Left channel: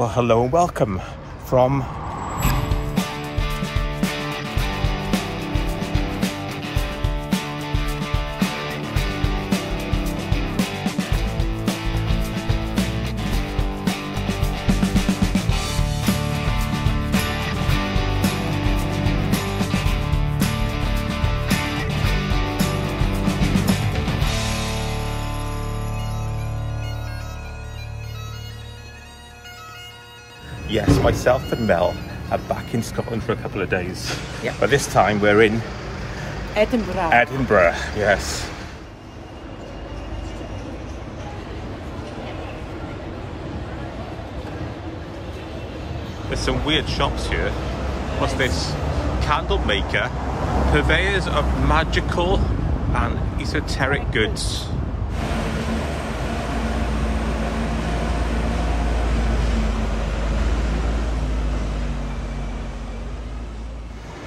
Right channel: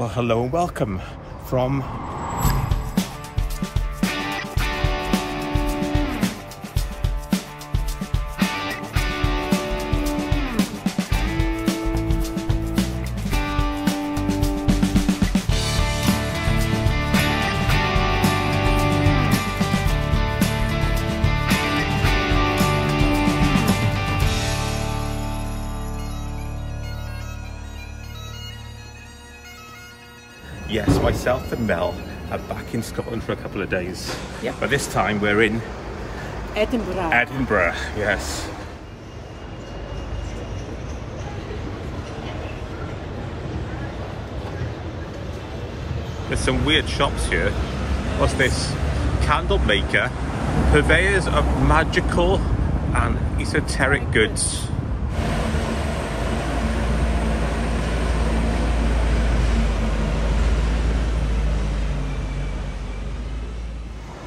Well, hello and welcome from Yes, myself and Mel are back in Scotland for a couple of days. Yep. But this time we're in Edinburgh. Edinburgh, yes. There's some weird shops here. What's this? Candle maker, purveyors of magical and esoteric goods.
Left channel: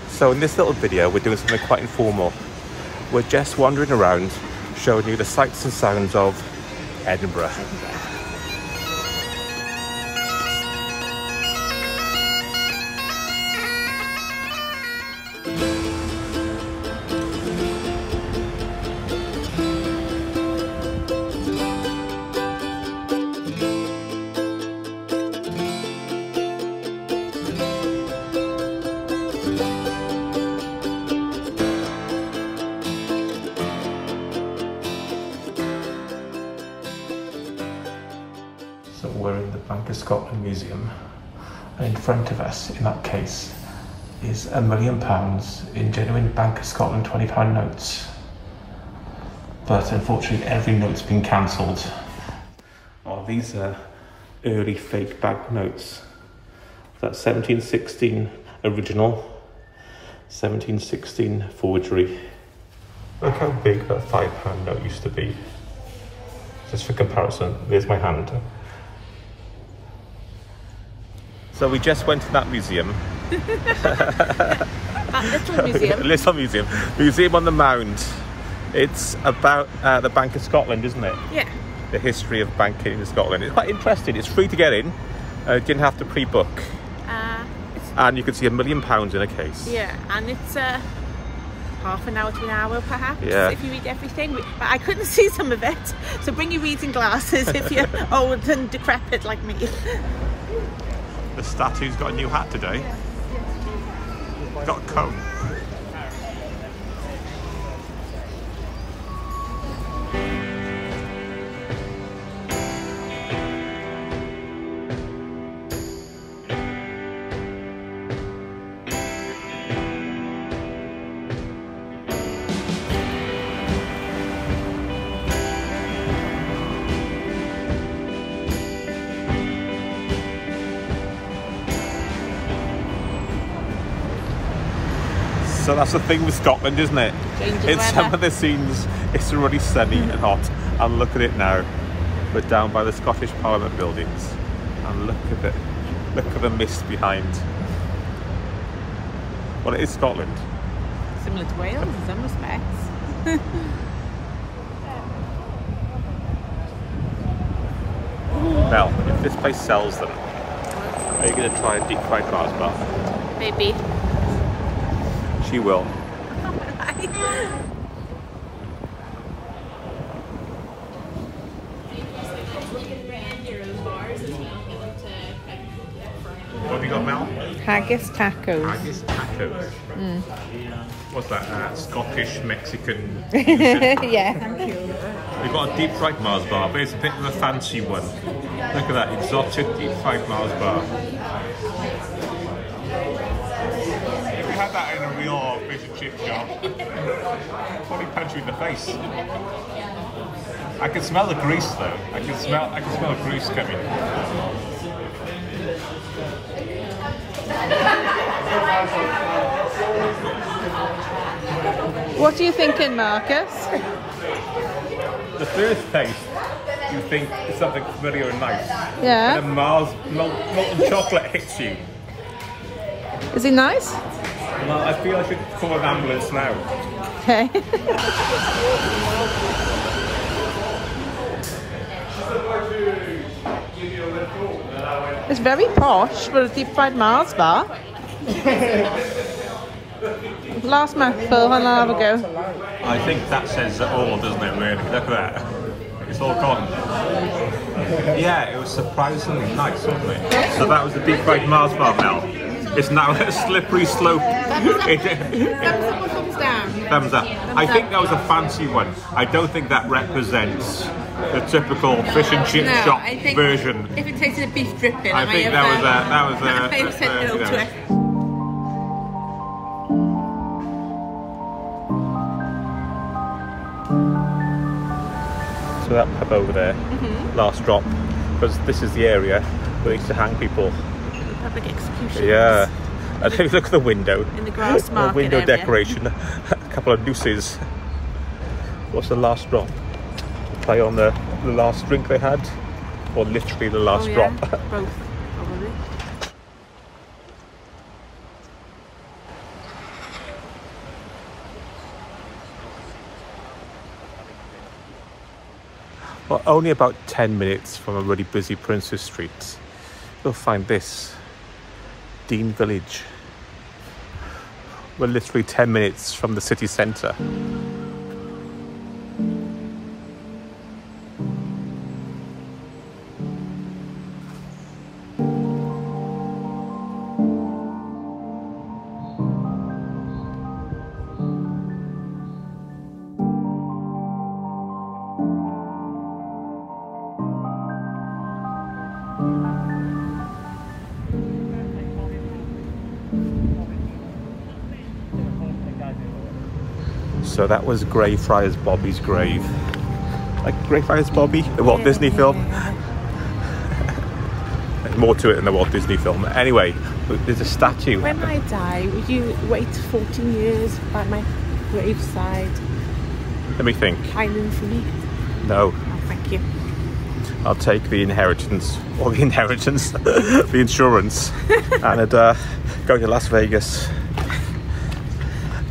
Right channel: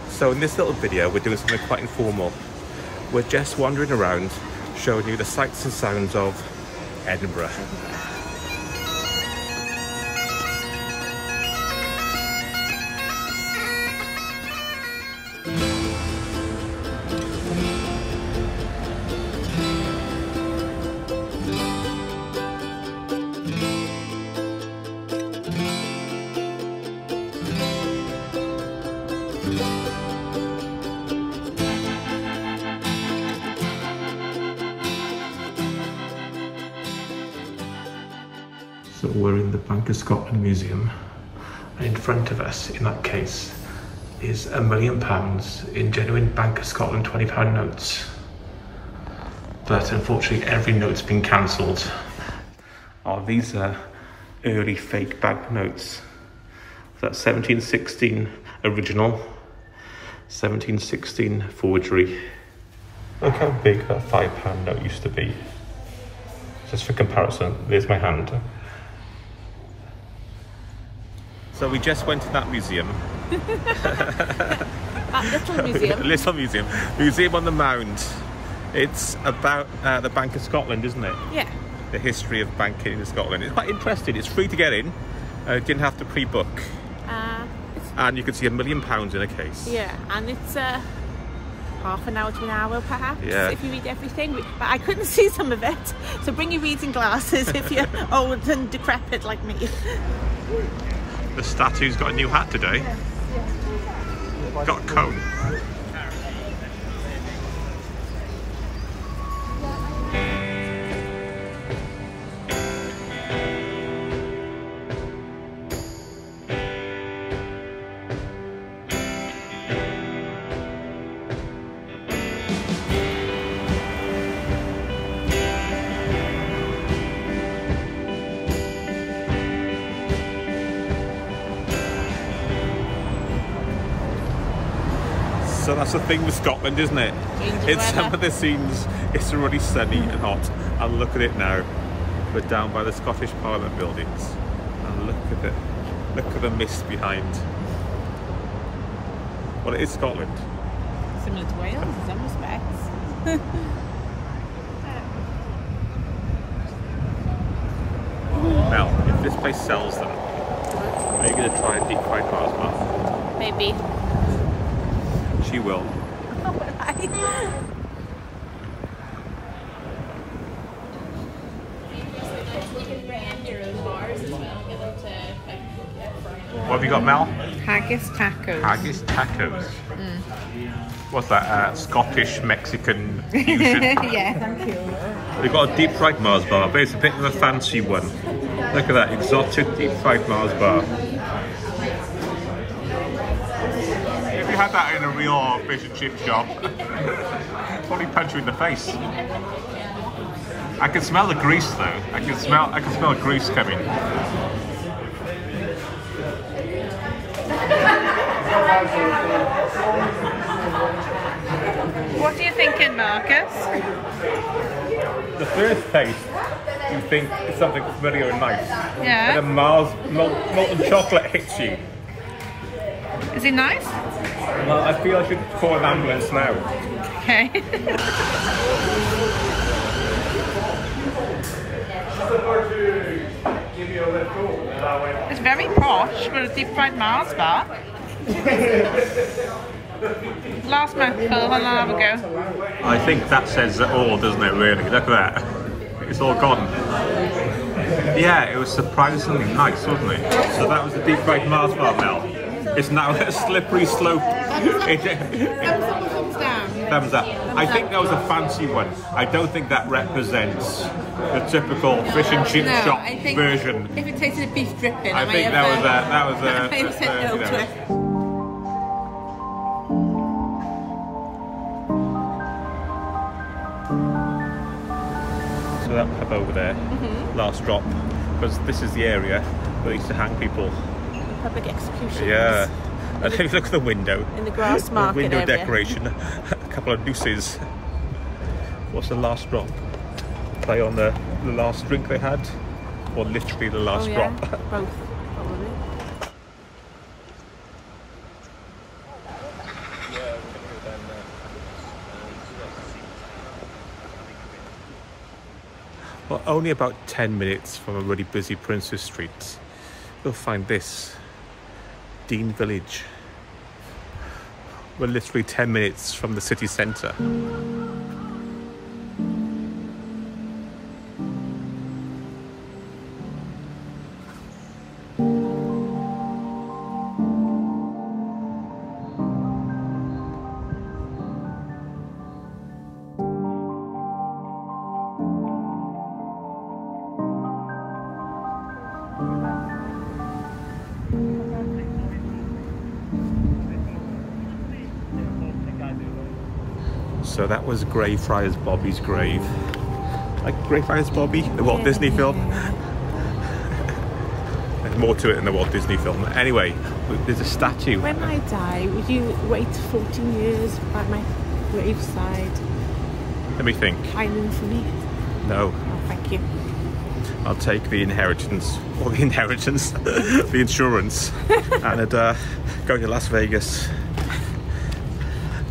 So in this little video, we're doing something quite informal. We're just wandering around, showing you the sights and sounds of Edinburgh. So we're in the Bank of Scotland Museum, and in front of us, in that case, is £1 million in genuine Bank of Scotland £20 notes. But unfortunately, every note's been cancelled. Oh, these are early fake banknotes. That's 1716 original, 1716 forgery. Look how big that £5 note used to be. Just for comparison, there's my hand. So we just went to that museum. That little museum. Little museum. Museum on the Mound. It's about the Bank of Scotland, isn't it? Yeah. The history of banking in Scotland. It's quite interesting. It's free to get in. Didn't have to pre-book. And you can see £1 million in a case. Yeah, and it's half an hour to an hour perhaps, if you read everything. But I couldn't see some of it. So bring your reading glasses if you're old and decrepit like me. The statue's got a new hat today. Got a cone. So that's the thing with Scotland, isn't it? In some of the scenes, it's really sunny and hot. And look at it now. We're down by the Scottish Parliament buildings. And look at the mist behind. Well, it is Scotland. Similar to Wales in some respects. Mel, if this place sells them, are you going to try a deep fried Mars bar? Maybe. She will. What have you got, Mel? Haggis tacos. Haggis tacos. What's that? Scottish Mexican fusion? Yeah, thank you. We've got a deep fried Mars bar, but it's a bit of a fancy one. Look at that, exotic deep fried Mars bar. If you had that in a real fish and chip shop, probably punch you in the face. I can smell the grease though. I can smell the grease coming. What are you thinking, Marcus? The first taste, you think it's something familiar and nice. Yeah. And then molten chocolate hits you. Is it nice? Well, I feel I should call an ambulance now. Okay. It's very posh for a deep fried Mars bar. Last mouthful, and I'll have a go. I think that says it all, doesn't it, really? Look at that. It's all gone. Yeah, it was surprisingly nice, wasn't it? So that was the deep fried Mars bar, Mel. It's now a slippery slope. Thumbs up or thumbs down? Thumbs up. I think that was a fancy one. I don't think that represents the typical fish and chip shop version. If it tasted of beef dripping, I think that was you know. So that pub over there, last drop, because this is the area where they used to hang people. Public executions. Yeah. And if you look at the window, in the grass market the window area. decoration, a couple of nooses. What's the last drop? Play on the last drink they had, or literally the last drop? Both, probably. Well, only about 10 minutes from a really busy Princes Street, you'll find this, Dean Village. We're literally 10 minutes from the city centre. So that was Greyfriars Bobby's grave. Like Greyfriars Bobby, the Walt Disney film. There's more to it than the Walt Disney film. Anyway, there's a statue. When I die, would you wait 14 years by my graveside? Let me think. Island for me? No. Oh, thank you. I'll take the inheritance, or the inheritance, the insurance, and go to Las Vegas.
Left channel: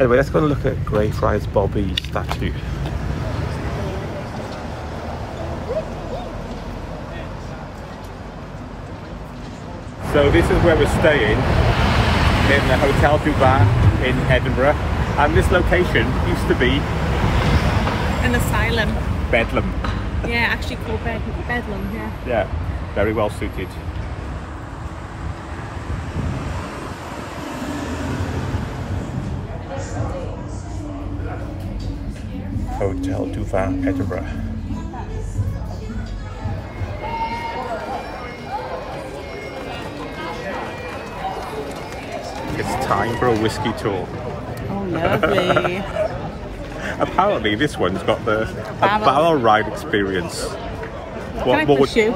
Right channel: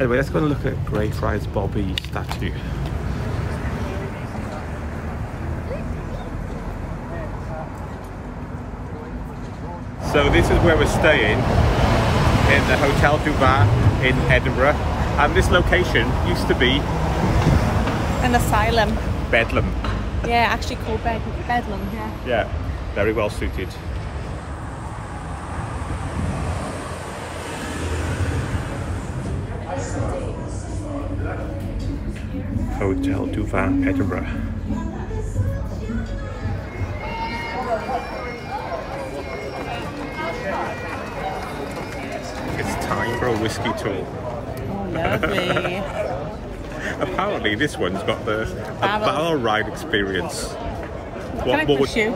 Anyway, let's go and look at Greyfriars Bobby statue. So this is where we're staying, in the Hotel du Var in Edinburgh. And this location used to be... An asylum. Bedlam. Yeah, actually called Bedlam, yeah. Yeah, very well suited. Hotel du Var, Edinburgh. It's time for a whiskey tour. Oh, lovely. Apparently this one's got a barrel ride experience. Can I push you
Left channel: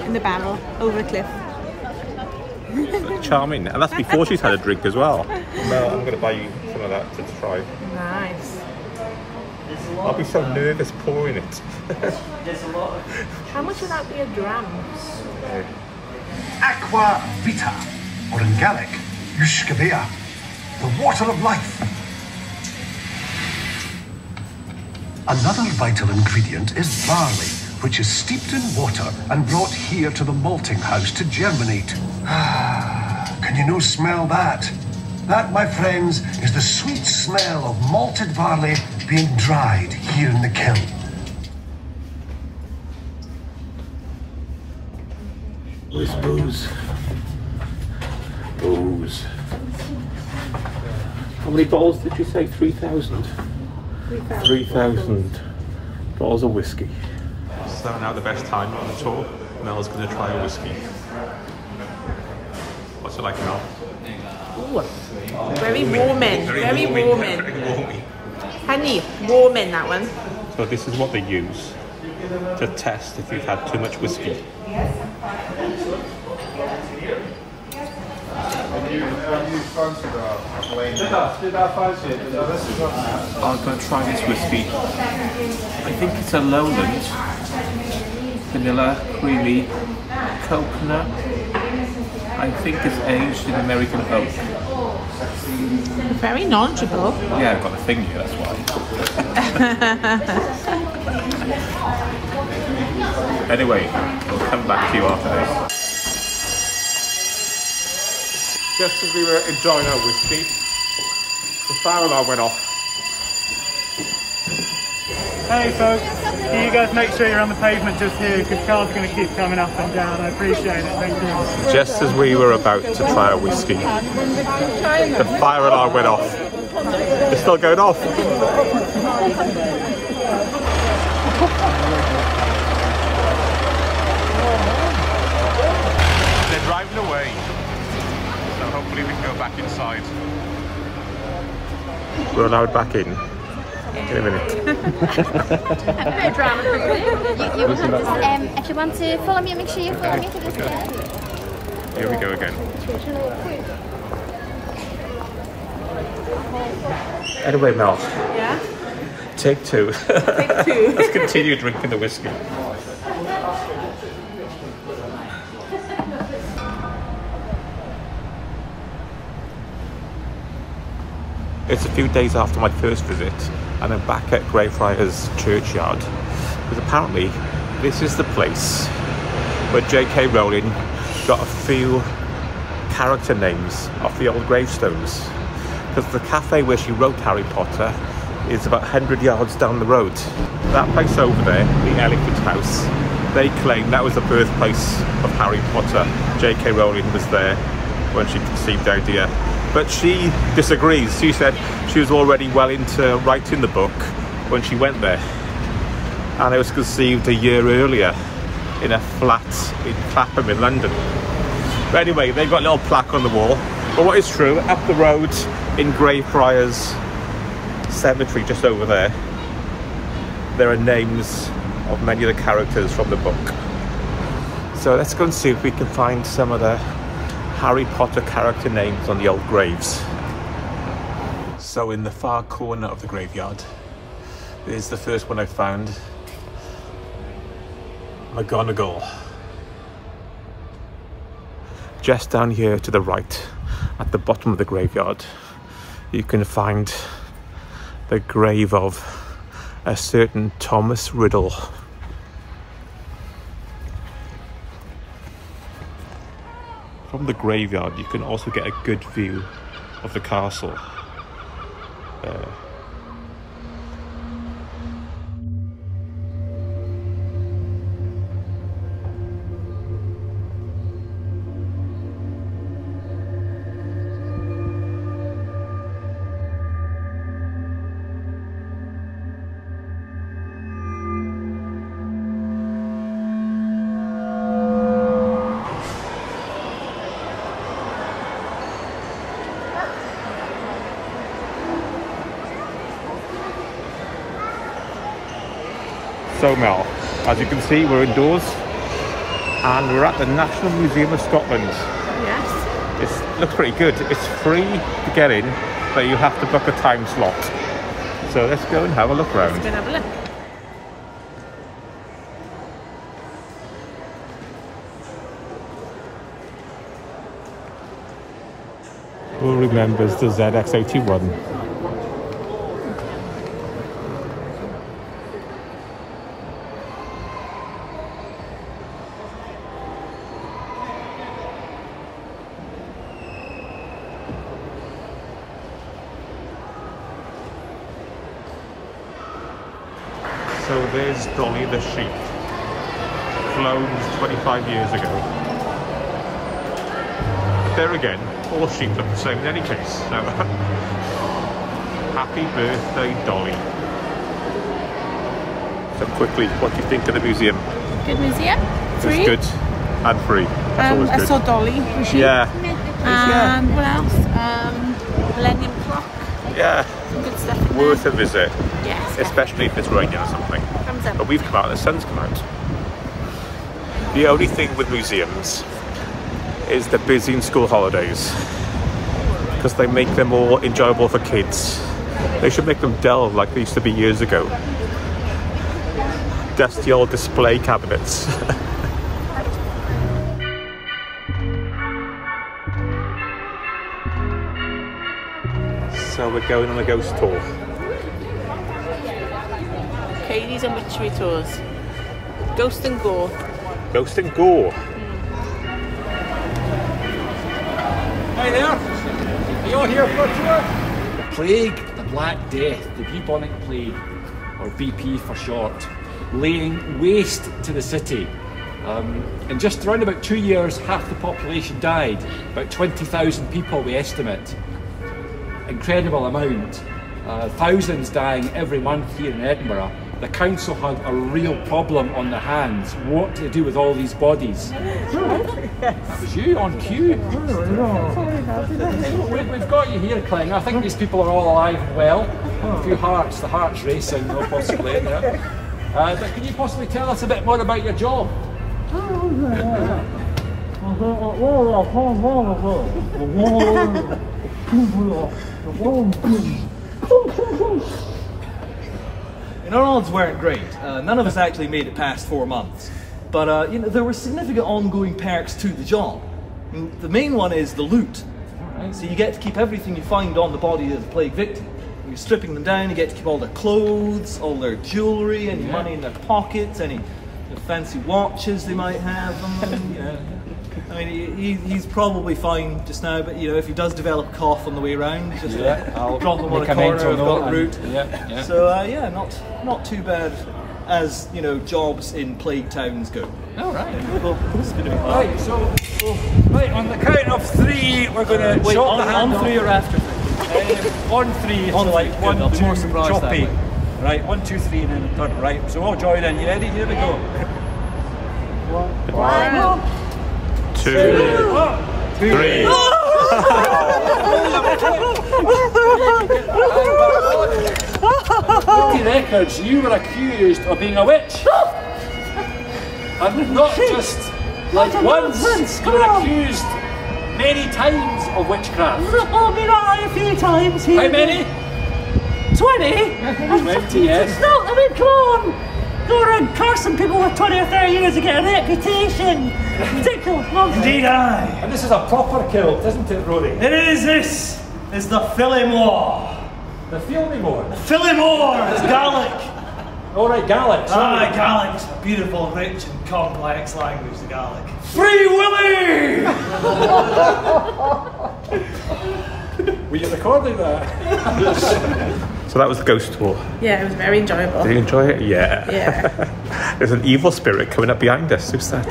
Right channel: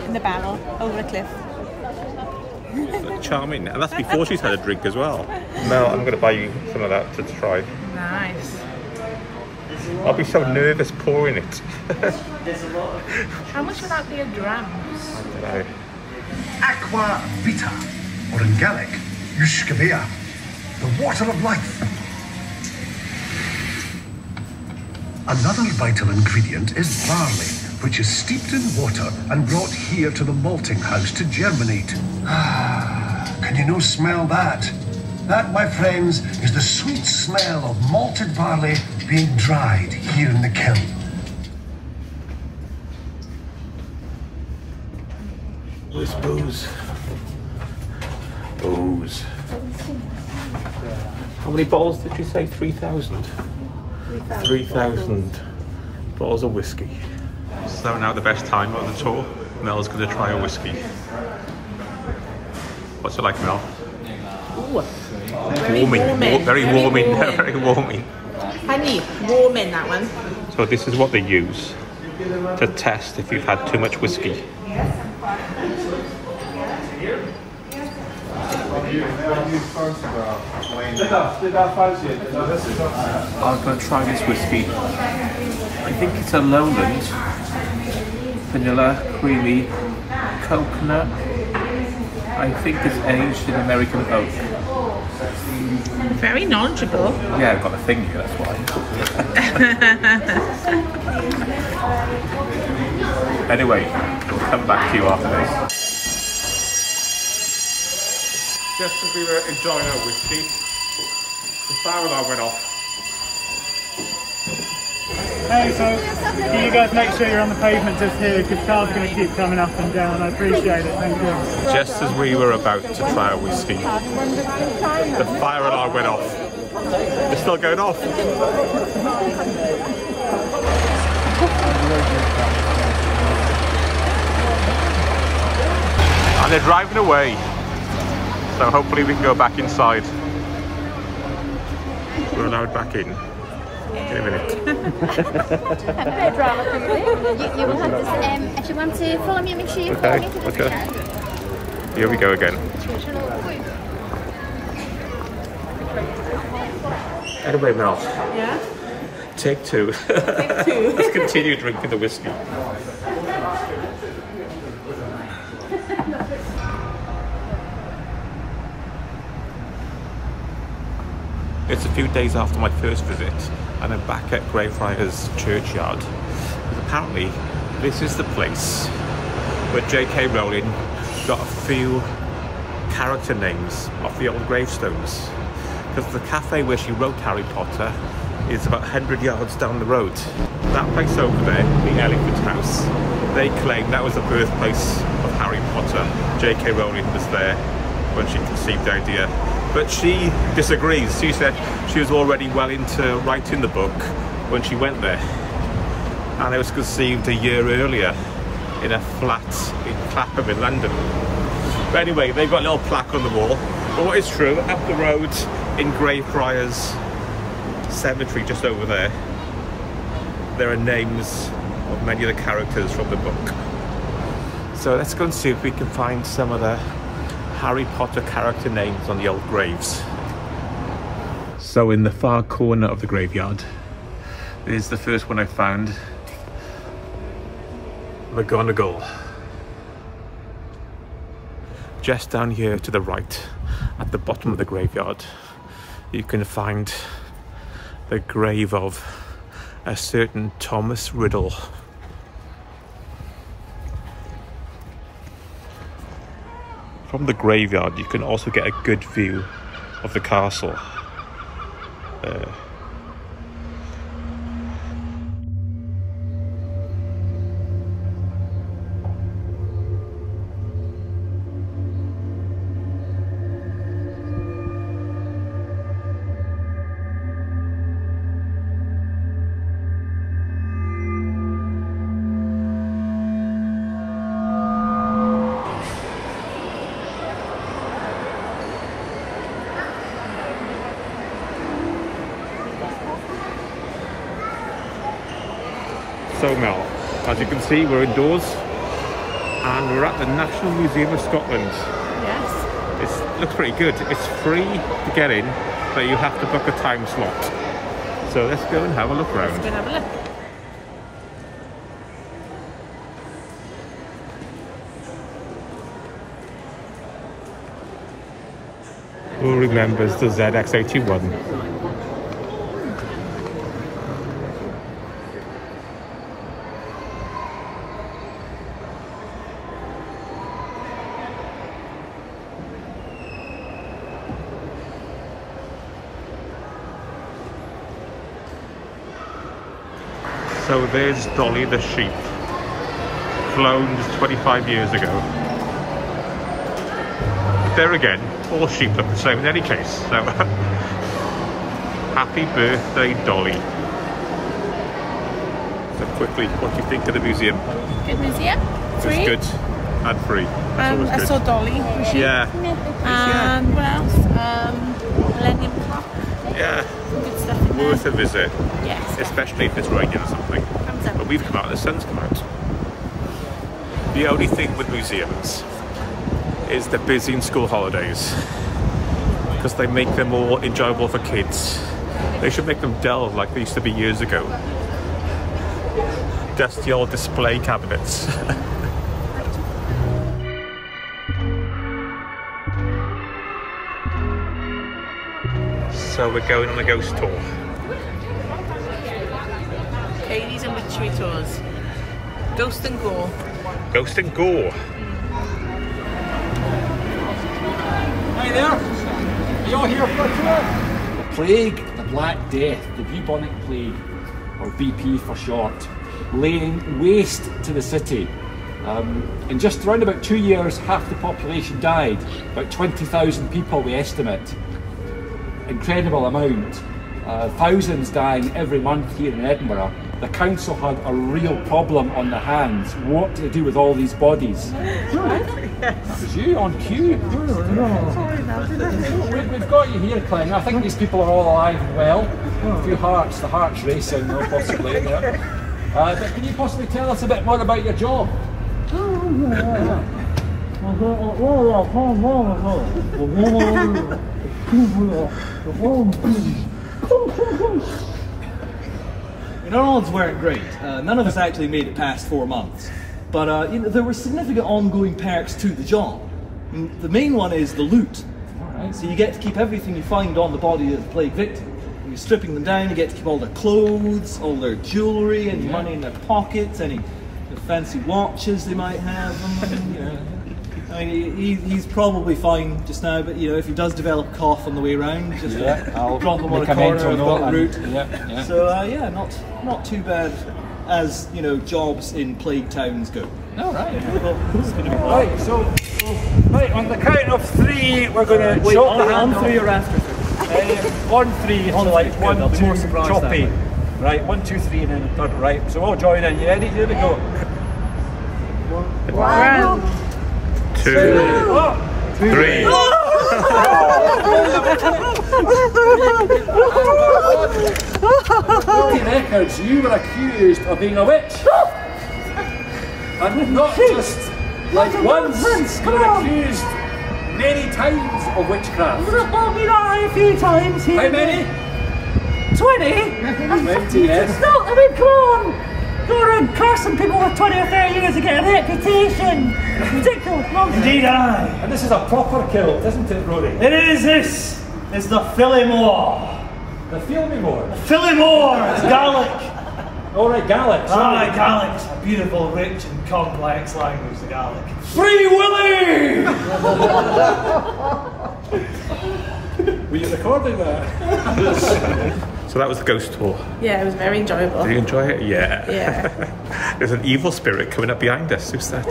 in the barrel over a cliff? Charming. And that's before she's had a drink as well. Mel, I'm going to buy you some of that to try. Nice. I'll be so nervous pouring it. How much would that be a dram? Aqua Vita, or in Gaelic, Yushkabea, the water of life. Another vital ingredient is barley, which is steeped in water and brought here to the malting house to germinate. Can you no smell that? That, my friends, is the sweet smell of malted barley being dried here in the kiln. Where's booze? Booze. How many bottles did you say? 3,000? 3,000 bottles of whiskey. So now the best time on the tour. Mel's going to try a whiskey. What's it like, Mel? Ooh, very warming. Very warming. Very warming. Honey, warming that one. So this is what they use to test if you've had too much whiskey. I'm going to try this whiskey. I think it's a Lowland. Vanilla, creamy, coconut. I think it's aged in American oak. Very knowledgeable. Yeah, I've got a thing here, that's why. Anyway, we'll come back to you after this. Just as we were enjoying our whiskey, the fire alarm went off. Hey folks, can you guys make sure you're on the pavement just here, because cars are going to keep coming up and down. I appreciate it, thank you. Just as we were about to try our whiskey, the fire alarm went off. It's still going off. And they're driving away. So hopefully we can go back inside. We're allowed back in a minute. If you want to follow me, make sure you follow me. Okay. Here we go again. Anyway, Mel. Yeah? Take two. Take two. Let's continue drinking the whiskey. It's a few days after my first visit, and I'm back at Greyfriars Kirkyard, because apparently this is the place where J.K. Rowling got a few character names off the old gravestones, because the cafe where she wrote Harry Potter is about 100 yards down the road. That place over there, the Elephant House, they claim that was the birthplace of Harry Potter. J.K. Rowling was there when she conceived the idea. But she disagrees. She said she was already well into writing the book when she went there. And it was conceived a year earlier in a flat in Clapham in London. But anyway, they've got a little plaque on the wall. But what is true, up the road in Greyfriars Cemetery, just over there, there are names of many of the characters from the book. So let's go and see if we can find some of the Harry Potter character names on the old graves. So in the far corner of the graveyard, there's the first one I found. McGonagall. Just down here to the right, at the bottom of the graveyard, you can find the grave of a certain Thomas Riddle. From the graveyard, you can also get a good view of the castle. There. So Mel, as you can see, we're indoors and we're at the National Museum of Scotland. Yes. It looks pretty good. It's free to get in, but you have to book a time slot. So let's go and have a look around. Let's go and have a look. Who remembers the ZX81? So there's Dolly the sheep, cloned 25 years ago. But there again, all sheep look the same in any case. So happy birthday, Dolly. So quickly, what do you think of the museum? Good museum. Free. It's good and free. I saw Dolly the sheep. Yeah. What else? Millennium Clock. Yeah. Some good stuff in Worth there. a visit. Yes. Especially if it's raining or something. Thumbs up. But we've come out, the sun's come out. The only thing with museums is they're busy in school holidays, because they make them more enjoyable for kids. They should make them dull like they used to be years ago. Dusty old display cabinets. So we're going on a ghost tour. Katie's and Witchery tours. Ghost and Gore. Ghost and Gore. Hi there. Are you all here for a tour? The plague, the Black Death, the bubonic plague, or BP for short, laying waste to the city. In just around about 2 years, half the population died. About 20,000 people, we estimate. Incredible amount. Thousands dying every month here in Edinburgh. The council had a real problem on their hands. What to do with all these bodies? That was you on cue. We've got you here, Clang. I think these people are all alive and well. A few hearts, the heart's racing, though, possibly in there. But can you possibly tell us a bit more about your job? Our odds weren't great. None of us actually made it past 4 months. But you know, there were significant ongoing perks to the job. The main one is the loot. Right. So you get to keep everything you find on the body of the plague victim. When you're stripping them down, you get to keep all their clothes, all their jewellery, any money in their pockets, any fancy watches they might have. You know. I mean, he's probably fine just now, but you know, if he does develop a cough on the way around, just I'll drop him on a corner. I've got the route. So yeah, not too bad as you know jobs in plague towns go. All right. Right. So right on the count of 3, we're going to shot the hand on 3 or after 3. On 3, so like 1, 2, choppy. Right, 1, 2, 3, and then a third. Right. So we'll join in. You ready? Here we go. 1, 2, 3. Records, you were accused of being a witch. And not just like once, you were accused many times of witchcraft. I've been on a few times here. How many? 20? 20, yes. No, I mean, come on. Go around cursing people with 20 or 30 years to get a reputation. Ridiculous nonsense. Indeed, aye. And this is a proper kilt, isn't it, Rory? It is. This is the Phillimore. The Phillimore? The Phillimore. It's Gaelic. All right, Gaelic. Aye, Gaelic. It's a beautiful, rich and complex language, the Gaelic. Free Willy! Were you recording that? So that was the ghost tour. Yeah, it was very enjoyable. Did you enjoy it? Yeah. Yeah. There's an evil spirit coming up behind us. Who's that?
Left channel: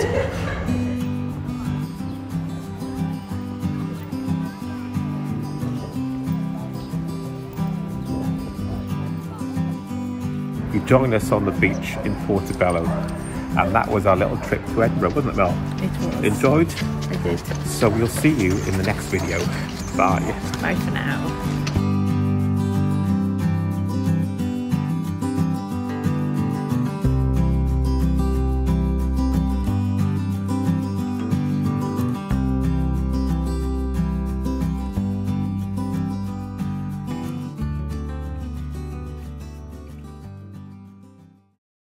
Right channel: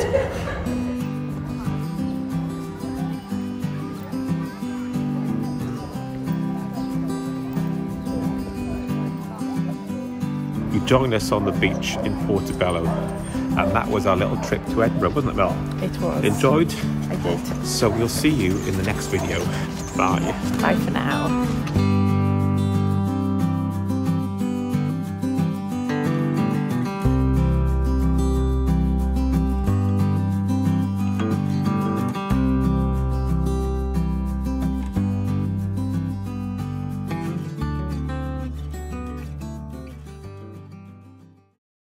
You joined us on the beach in Portobello, and that was our little trip to Edinburgh, wasn't it, Mel? It was. Enjoyed? I did. So we'll see you in the next video. Bye. Bye for now.